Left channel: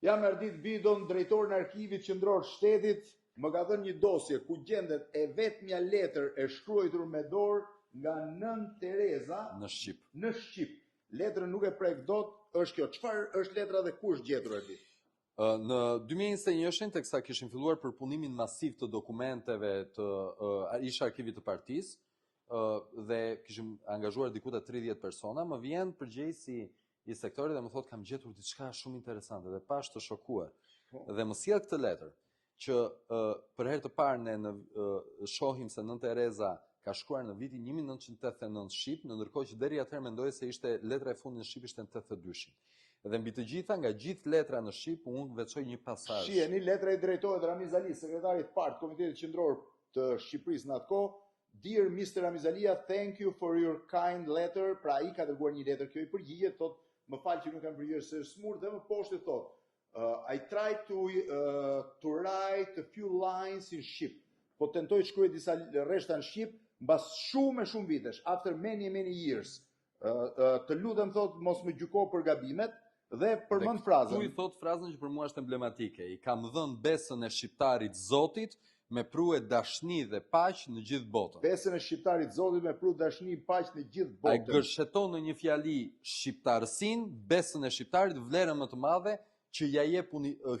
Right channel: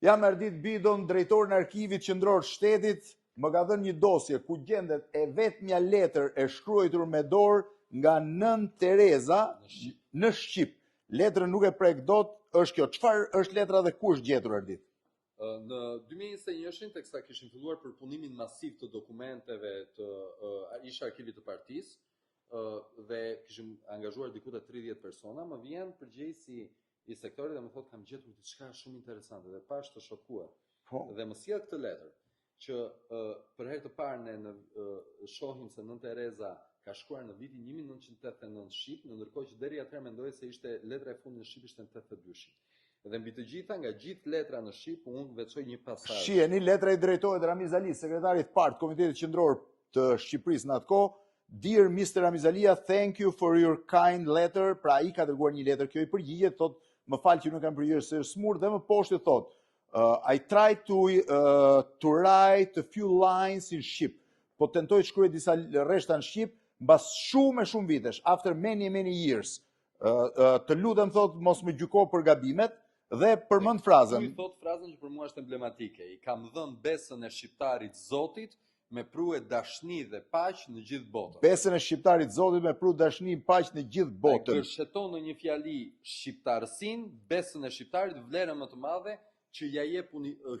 Jam Erdit Bidon, drejtor në arkivit qendror shtetit, më ka dhënë një dosje ku gjendet e vetmja letër e shkruar me dorë nga nën Tereza në Shqip. Letrën nuk e prek dot, është kjo. Çfarë është letra dhe ku është gjetur Erdit? Në 2021, teksa kishim filluar përpunimin masiv të dokumenteve të ish arkivit të partisë, dhe kishim angazhuar diku te 30 persona, më vjen përgjegjësi i sektorit dhe më thotë kam gjetur diçka shumë interesante dhe pash të shokuar. Dhe më sjell këtë letër që për herë të parë ne shohim se nën Tereza ka shkruar në vitin 1989 në Shqip, ndërkohë që deri atëherë mendoje se ishte letra e fundit në Shqip ishte në 82-shin. Dhe mbi të gjitha, nga gjithë letra në Shqip, unë veçoj një pasazh. Shiheni, letra i drejtorit Ramiz Ali, sekretarit partë Komitetit Qendror të Shqipërisë në atë kohë. Dear Mr. Ramiz Alia, thank you for your kind letter. Pra ai ka dërguar një letër, kjo i përgjigjet, thot, më fal që nuk kam përgjigjer se është smur, dhe më poshtë thot, I tried to write a few lines in Shqip. Po tentoj të shkruaj disa rreshta në Shqip, mbas shumë vitesh, after many years. Të lutem thot mos më gjyko për gabimet. Dhe përmend frazën. Ky thot frazën që për mua është emblematike. I kam dhënë besën e shqiptarit Zotit me prue dashni dhe paq në gjithë botën. Besën e shqiptarit Zotit me prue dashni dhe paq në gjithë botën. Ai gërsheton në një fjali shqiptarësin, besën e shqiptarit, vlerën më të madhe që ja jep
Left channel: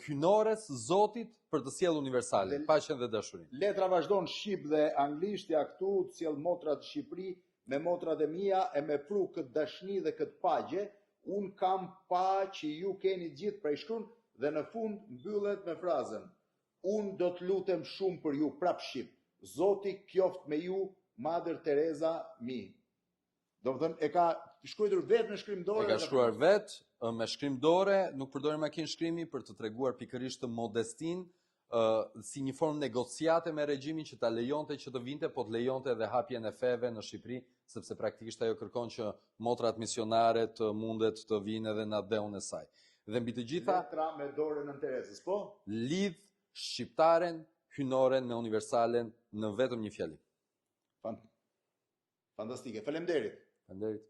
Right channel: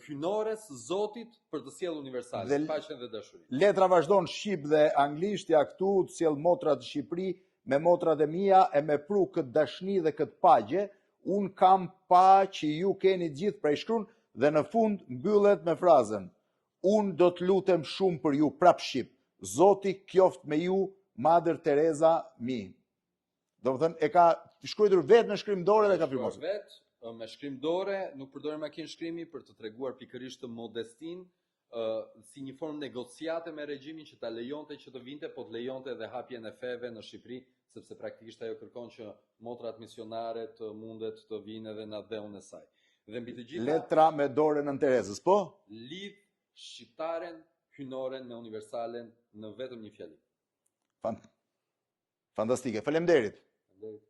hynores Zotit për të sjellë universale, paqen dhe dashurinë. Letra vazhdon shqip dhe anglisht, ja këtu të sjell motrat të Shqipëri me motrat e mia e me pru këtë dashni dhe këtë paqe. Unë kam pa që ju keni gjithë prej shkruan dhe në fund mbyllet me frazën unë do të lutem shumë për ju prap Shqip. Zoti qoftë me ju, Madër Tereza mi. Do të thënë e ka shkruar vetë me shkrim dore dhe ka shkruar vetë me shkrim dore, nuk përdori makinë shkrimi për të treguar pikërisht të modestin, si një formë negociate me regjimin që ta lejonte që të vinte, po të lejonte edhe hapjen e feve në Shqipëri, sepse praktikisht ajo kërkon që motrat misionare të mundet të vinë edhe në atë e saj. Dhe mbi të gjitha, letra me dorën në Terezës, po? Lidh shqiptaren, hynoren me universalen në vetëm një fjali. Fantastike. Faleminderit. Faleminderit.